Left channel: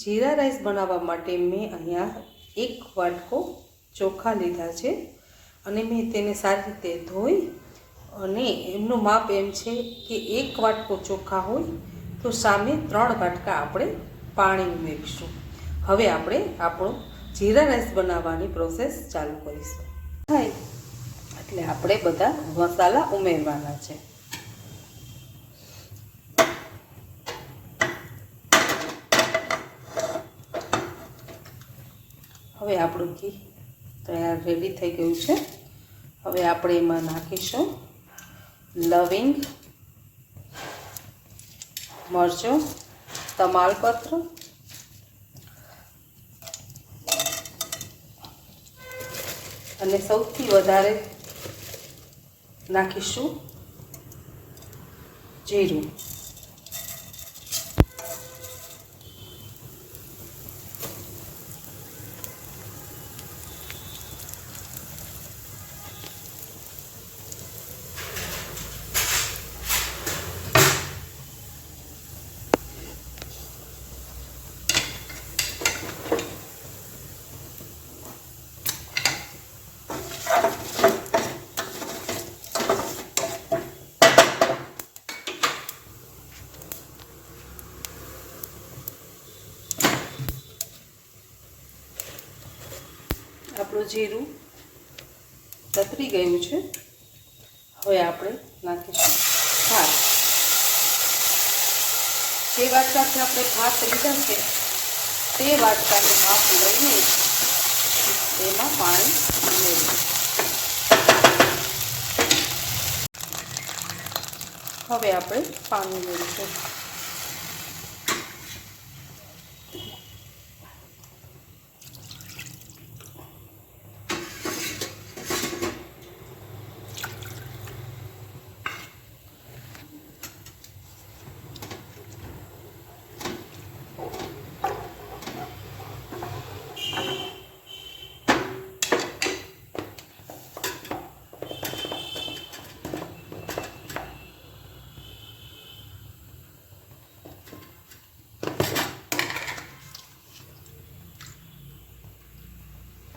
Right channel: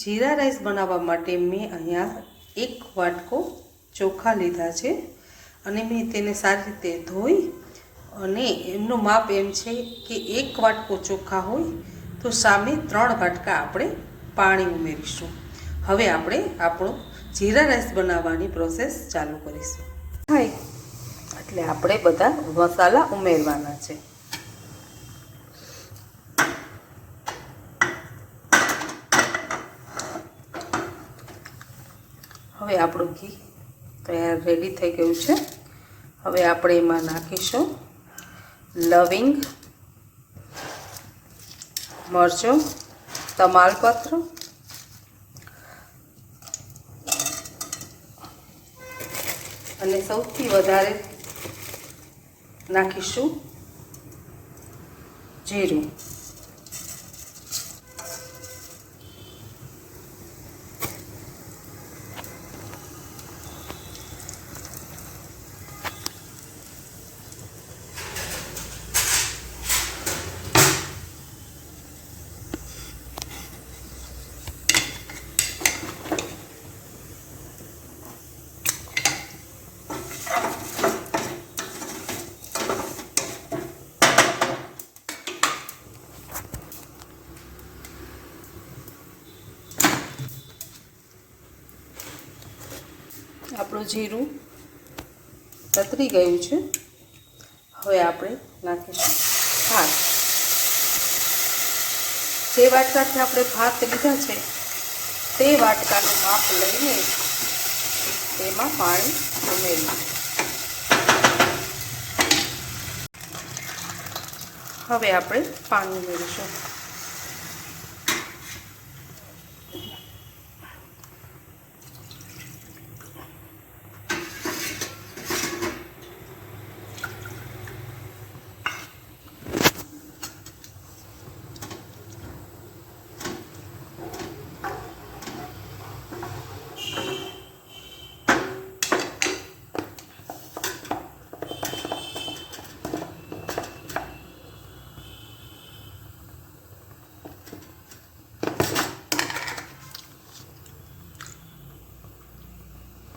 જીરા rice બનાવવા માટે મેં અહીંયા 1 વાટકો ચોખા લીધા છે અને મેં તેને સારી રીતે ધોઈ અને એમનું માપ એમ છે કે 1 વાટકો ચોખા હોય તો સામે 3 વાટકા આપણે પાણી ઉમેરીશું। હવે આપણે આપણો જીરા રાઈસ બનાવવાની પ્રોસેસ ચાલુ કરીશું। થાય એટલે આપણે બધા મસાલા ઉમેરવાના છે। હવે આપણું ઘી તૈયાર રેડી થઈ ગયું છે। હવે આપણે એમાં નાખીશું લવિંગ, મરચું, તમાલપત્ર અને સૌથી વધારે નાખીશું જીરું। આપણું જીરું તતરી ગયું છે। હવે આપણે નાખીશું ભાત। જે વાટકાથી આપણે ભાત લીધા છે તે વાટકાનું માપ લઈને તેમાં પાણી ઉમેરીશું। હવે આપણે પાણી ઉમેરીશું।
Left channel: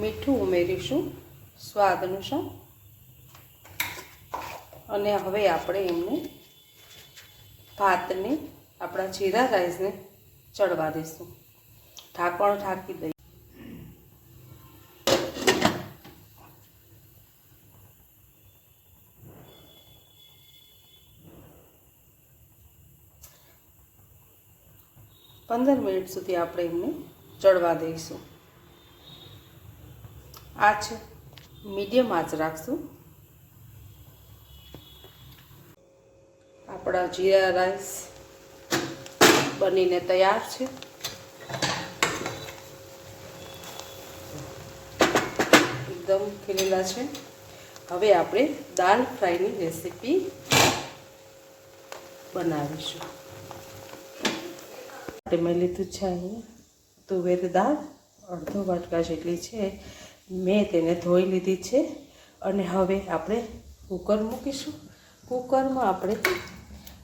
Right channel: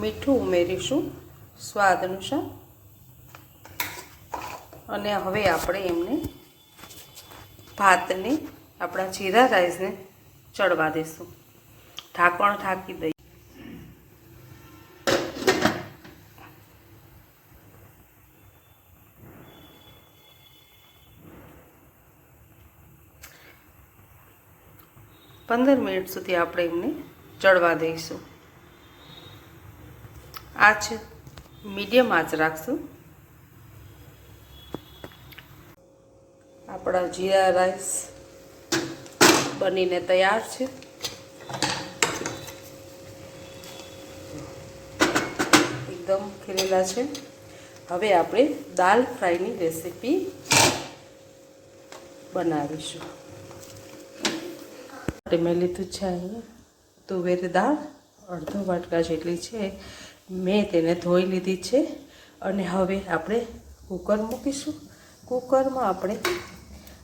મીઠું ઉમેરીશું સ્વાદ અનુસાર અને હવે આપણે એમને ભાતને આપણા જીરા રાઈસને ચડવા દઈશું। ઢાંકણ ઢાંકી દઈએ। પંદર મિનિટ સુધી આપણે એમને ચડવા દઈશું। આંચ મીડિયમ આંચ રાખશું। આપણા જીરા રાઈસ બનીને તૈયાર છે। એકદમ ખીલેલા છે। હવે આપણે દાલ ફ્રાયની રેસીપી બનાવીશું। મેં લીધું છે અહીંયા તુવેર દાળ અડધો વાટકા જેટલી છે। મેં તેને ધોઈ લીધી છે અને હવે આપણે કુકર મૂકીશું। કુકરમાં આપણે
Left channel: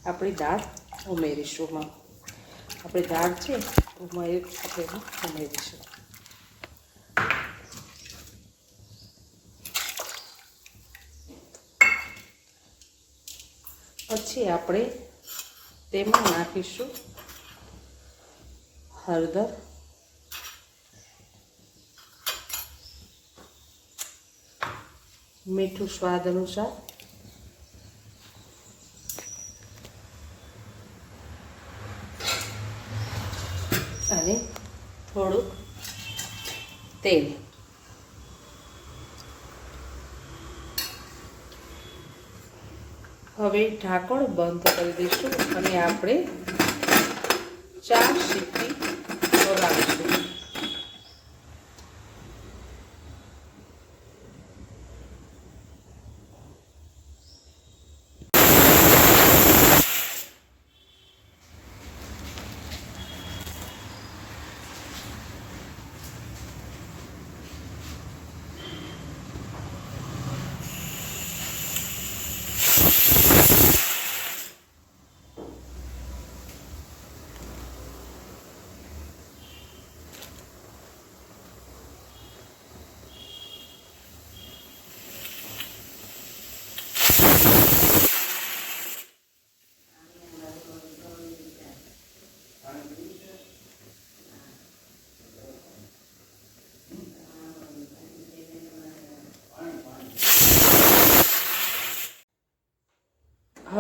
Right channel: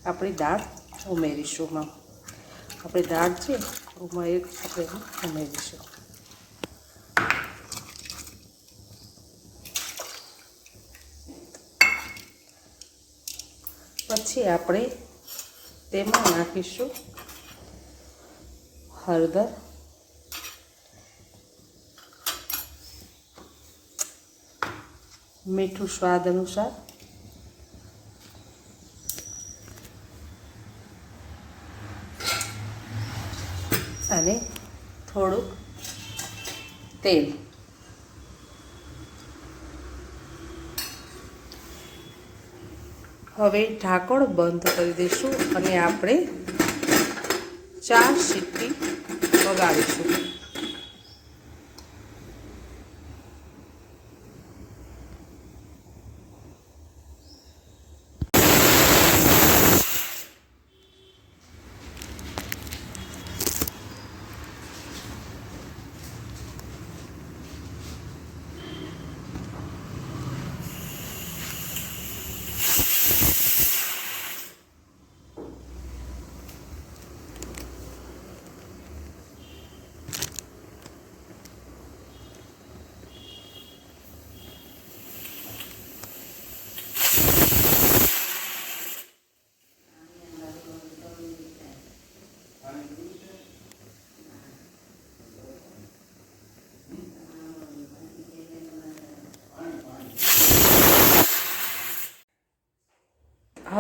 આપણી દાળ ઉમેરીશું। આપણી દાળ છે આપણે ઉમેરીશું। પછી આપણે તેમાં નાખીશું હળદર, મીઠું સ્વાદ અનુસાર, અને થોડુંક તેલ। હવે ઢાંકણ બંધ કરી દઈશું અને આપણે 4 સીટી વગાડીશું।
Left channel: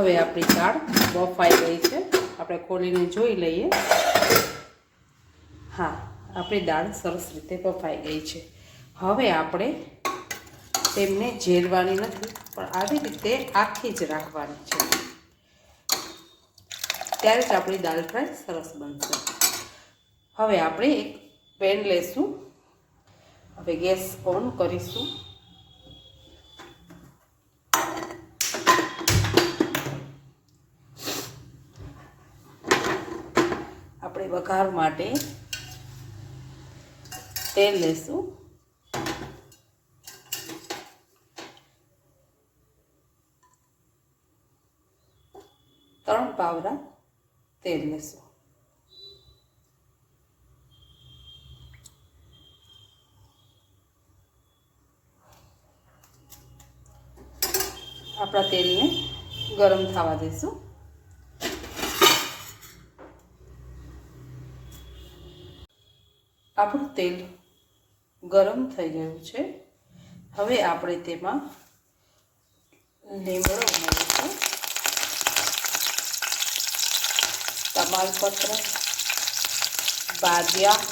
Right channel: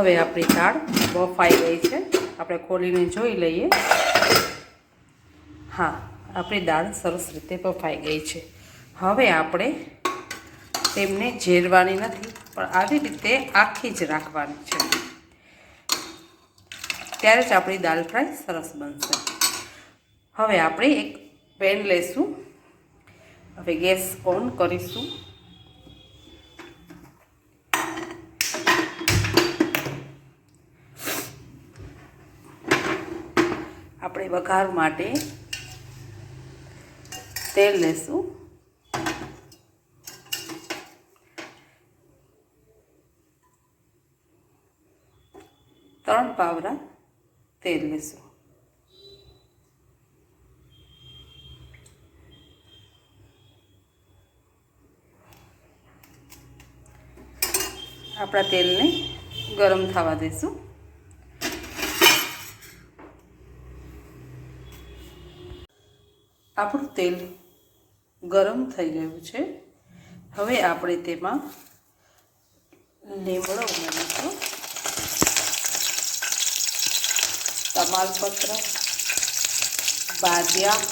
હવે આપણી દાળ બફાઈ ગઈ છે. આપણે ખોલીને જોઈ લઈએ. હા, આપણી દાળ સરસ રીતે બફાઈ ગઈ છે. હવે આપણે તેમને ઝેરવાની નથી, પણ આવી રીતે આખી જ રાખવાની છે. ત્યારે જ આપણી દાળ ફ્રાય સરસ બનશે. હવે આપણે એક પેન લેશું. હવે ગેસ ઓન કરીશું. આપણે વઘાર માટે તેલ લેશું. ત્રણ પાવડા તેલ લેશું. આપણા તેલને ગરમ થવા દઈશું. આપણું તેલ ગરમ થઈ ગયું છે. હવે આપણે તેમાં લીમડો ઉમેરીશું, તમાલપત્ર, બાદિયા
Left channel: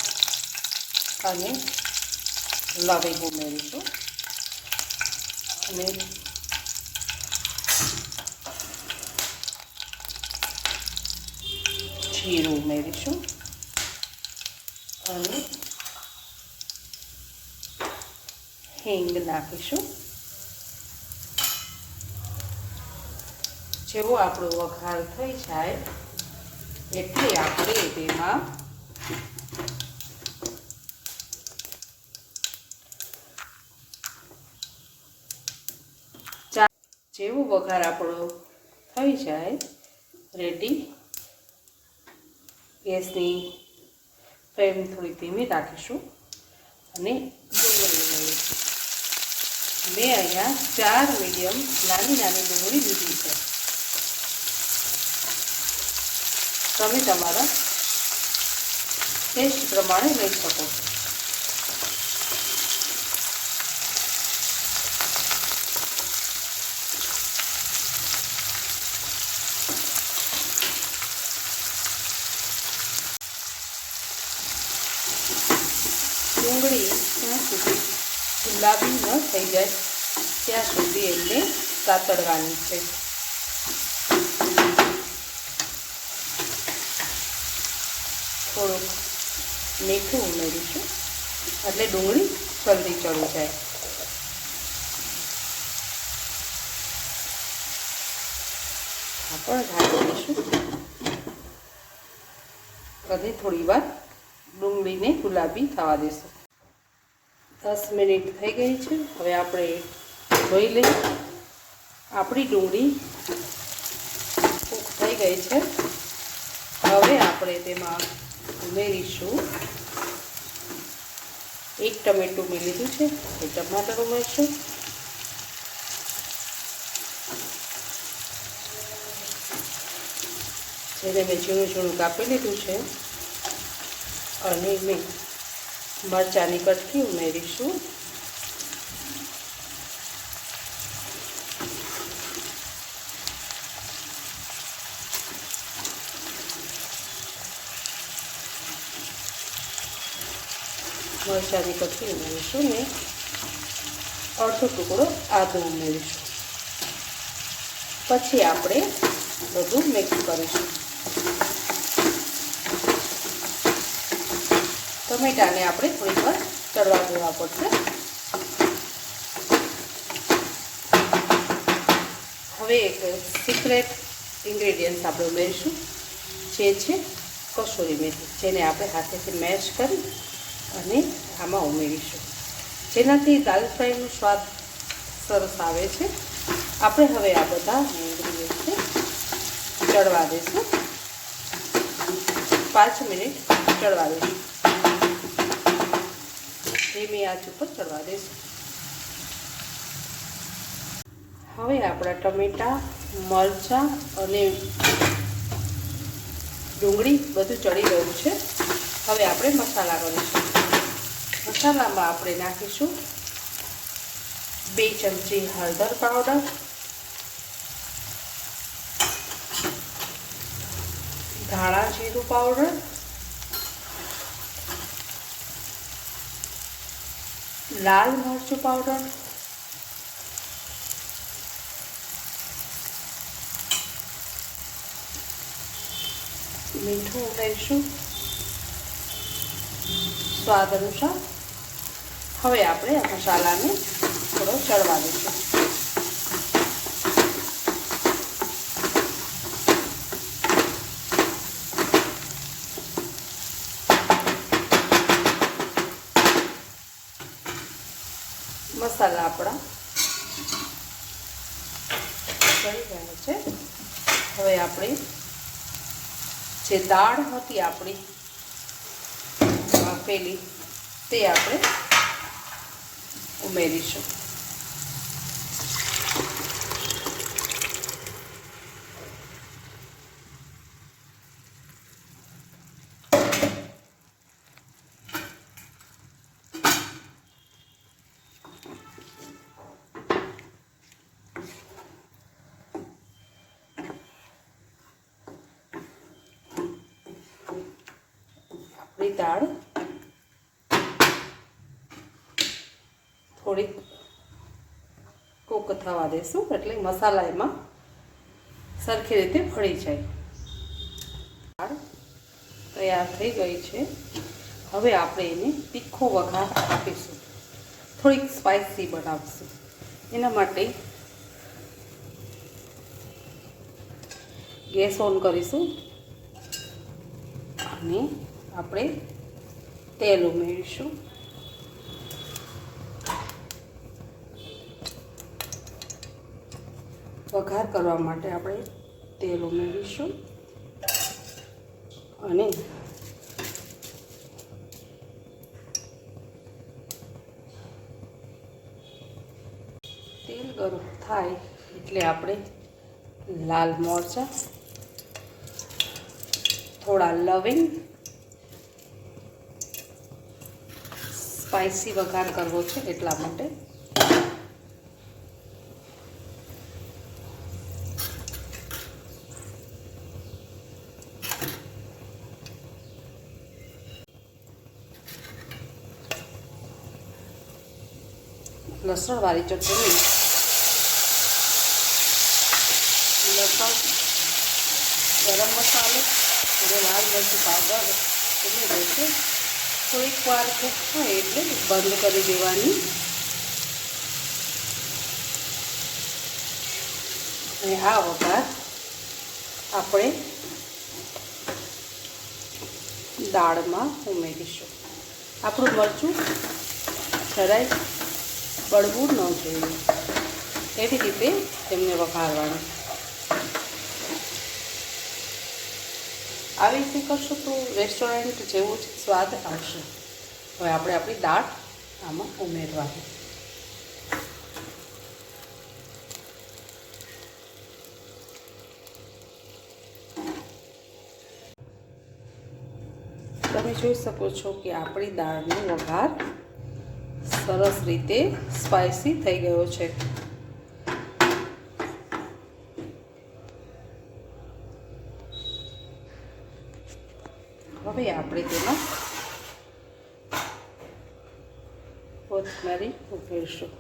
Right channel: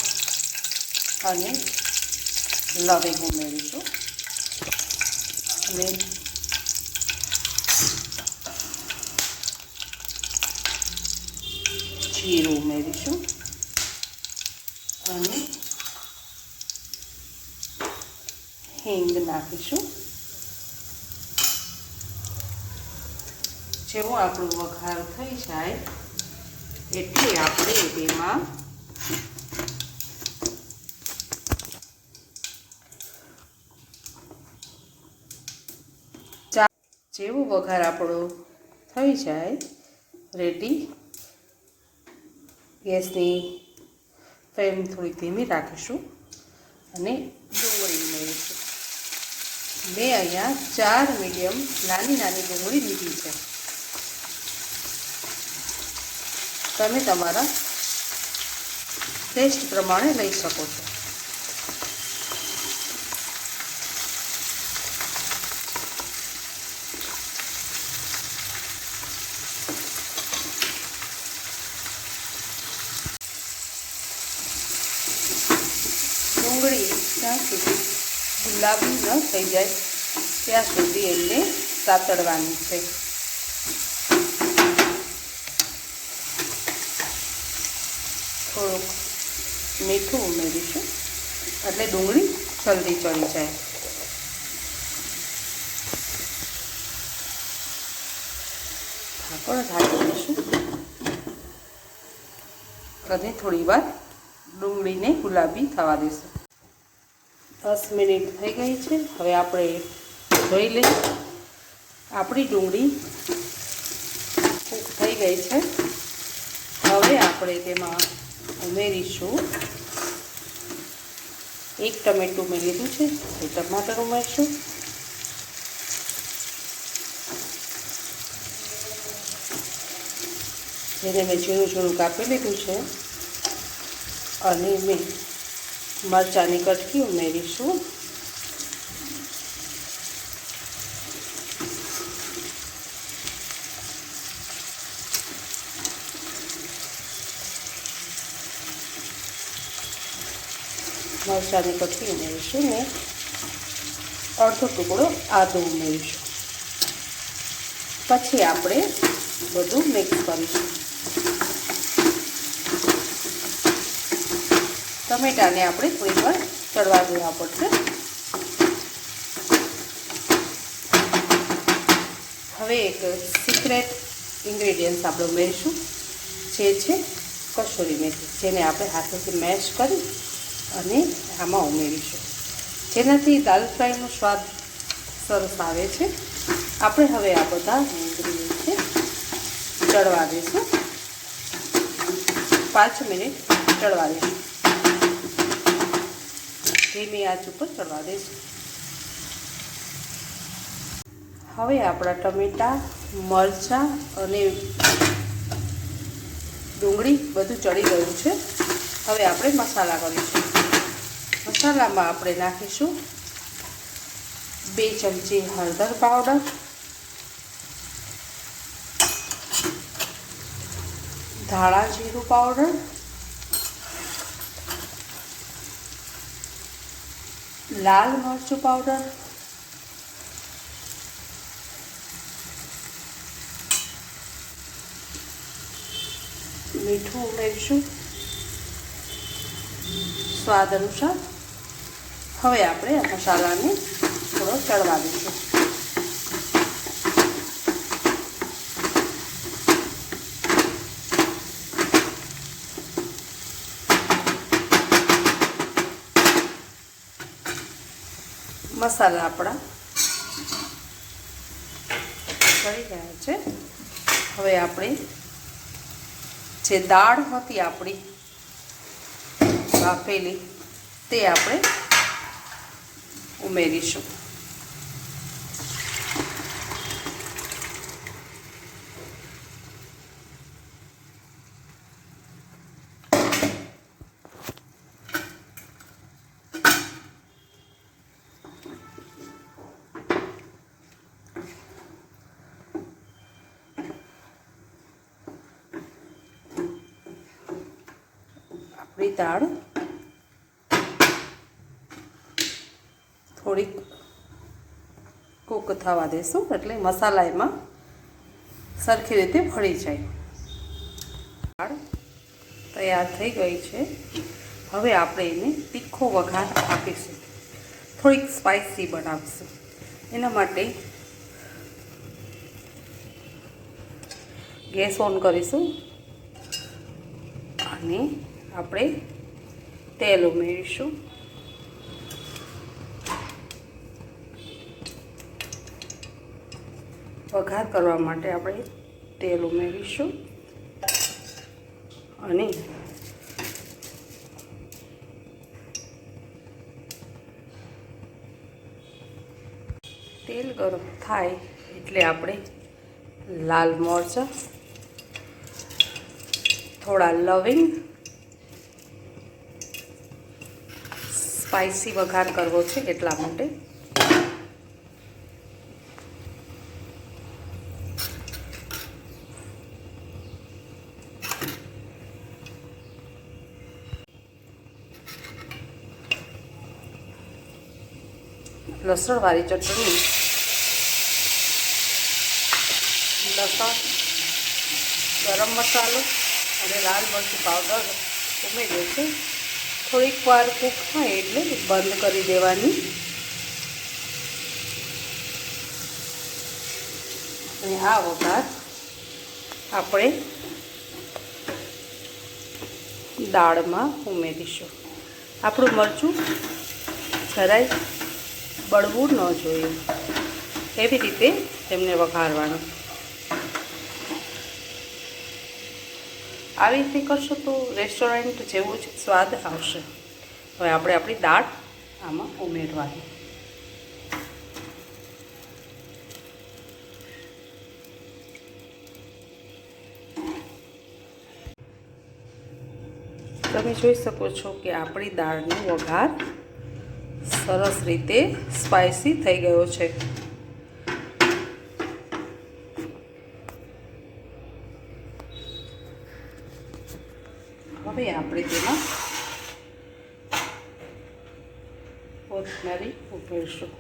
અને લવિંગ ઉમેરીશું અને જીરું ઉમેરીશું અને હિંગ નાખીશું. જેવો આપણો વઘાર થઈ જાય એટલે આપણે તેમાં જેવો વઘાર આપણો થઈ જાય રેડી, ગેસની ફ્લેમ થોડી ધીમી રાખીશું અને ડુંગળી ઉમેરીશું. મેં અહીંયા 4 મીડિયમ નાની ડુંગળી લીધી છે. તમે તમારા ટેસ્ટ પ્રમાણે લઈ શકો છો. ડુંગળી જ્યાં સુધી ગુલાબી ન થઈ જાય ત્યાં સુધી એમને સાતળવાની છે. થોડુંક મીઠું ઉમેરીશું એટલે ડુંગળી જલ્દી ચડી જાય. ઢાંકણ ઢાંકી દઈશું અને થોડી વાર ડુંગળીને ગુલાબી થવા દઈશું. 10 મિનિટ થઈ ગઈ છે. હવે આપણે જોઈ લઈએ. આપણી ડુંગળી કૂક થઈ ગઈ છે. હવે આપણે તેમાં ઉમેરીશું 1 ટમેટું મેં લીધું છે, એ ટમાટર ઉમેરશું. જેને મેં ઝીણું કાપી લીધું છે. અને મેં મરચાંની કટકી ઉમેરીશું. મરચાંની કટકી ઉમેરીશું ને અડધો ટુકડો આદું ઉમેરીશું. પછી આપણે બધું મિક્સ કરીશું. ટમેટાને આપણે થોડી વાર ચડવા દેવા પડશે. હવે એક સિક્રેટ ઇન્ગ્રેડિયન્ટ આપણે ઉમેરીશું, જે છે કસૂરી મેથી, જેને આપણે હાથેથી મેશ કરી અને આમાં ઉમેરીશું, જેનાથી દાલ ફ્રાયનો સ્વાદ સરસ આવે છે. આપણે હવે આ બધા ઇન્ગ્રેડિયન્ટને ચડવા દઈશું. 5 મિનિટ ચડવા દઈશું. ધીમી આંચ ઉપર ચડવા દઈશું. હવે આપણા ટમેટાં, મરચાં અને ડુંગળી બધું ચડી ગયું છે. હવે આપણે મસાલા કરીશું. મસાલામાં આપણે નાખીશું 2 ચમચી હળદર પાવડર, ધાણા જીરું પાવડર, લાલ મરચું પાવડર, મીઠું ઉમેરીશું સ્વાદ અનુસાર. હવે આપણે આ મસાલાને થોડો ચડવા દઈશું. મસાલા આપણા ચડી ગયા છે. હવે આપણે જે દાળ હતી આપણી બાફેલી તે આપણે ઉમેરીશું. આપણી દાળ થોડીક કૂક થવા દઈશું એટલે મસાલા એમાં સરખી રીતે ભળી જાય. દાળ તૈયાર થઈ ગઈ છે. હવે આપણે એને તીખો વઘાર આપીશું. થોડીક સ્પાઇસી બનાવીશું. એના માટે ગેસ ઓન કરીશું અને આપણે તેલ ઉમેરીશું. વઘાર કરવા માટે આપણે તેલ ઉમેરીશું અને તેલ ગરમ થાય એટલે આપણે લાલ મરચાં, થોડા લવિંગ, સ્પાઇસી વઘાર કરવો છે એટલા માટે લસણવાળી ચટણી, લસણ, ગરમ મસાલો અને લાલ મરચું પાવડર ઉમેર્યો છે. થોડીક વાર કૂક થાય એટલે બંધ કરી દેવાની. અને આ વઘાર આપણે દાળમાં ઉમેરીશું. આપણું મરચું જરાય બળવું ન જોઈએ એવી રીતે તેમને વઘારવાનું. આવી રીતે કરશો તો રેસ્ટોરન્ટ જેવો જ સ્વાદ આવશે. હવે આપણે આપણી દાળ આમાં ઉમેરવાની. તમે જોઈ શકો છો કે આપણી દાળનો વઘાર સરસ રીતે સ્પાઇસી થઈ ગયો છે. હવે આપણે તેમાં કોથમરી ઉમેરીશું.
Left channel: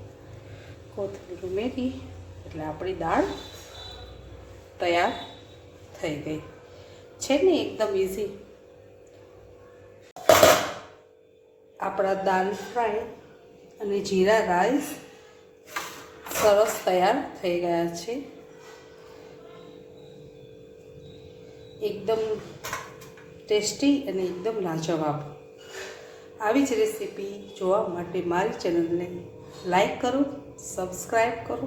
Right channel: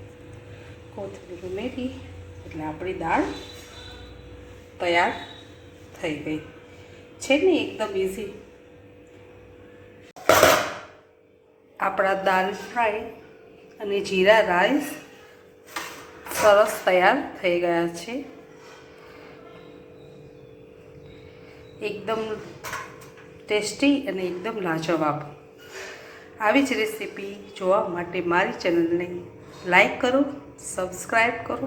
કોથમીર ઉમેરી એટલે આપણી દાળ તૈયાર થઈ ગઈ છે ને. એકદમ ઇઝી આપણા દાલ ફ્રાય અને જીરા રાઈસ સરસ તૈયાર થઈ ગયા છે. એકદમ ટેસ્ટી અને એકદમ લાજવાબ. આવી જ રેસીપી જોવા માટે મારી ચેનલને લાઈક કરો, સબસ્ક્રાઈબ કરો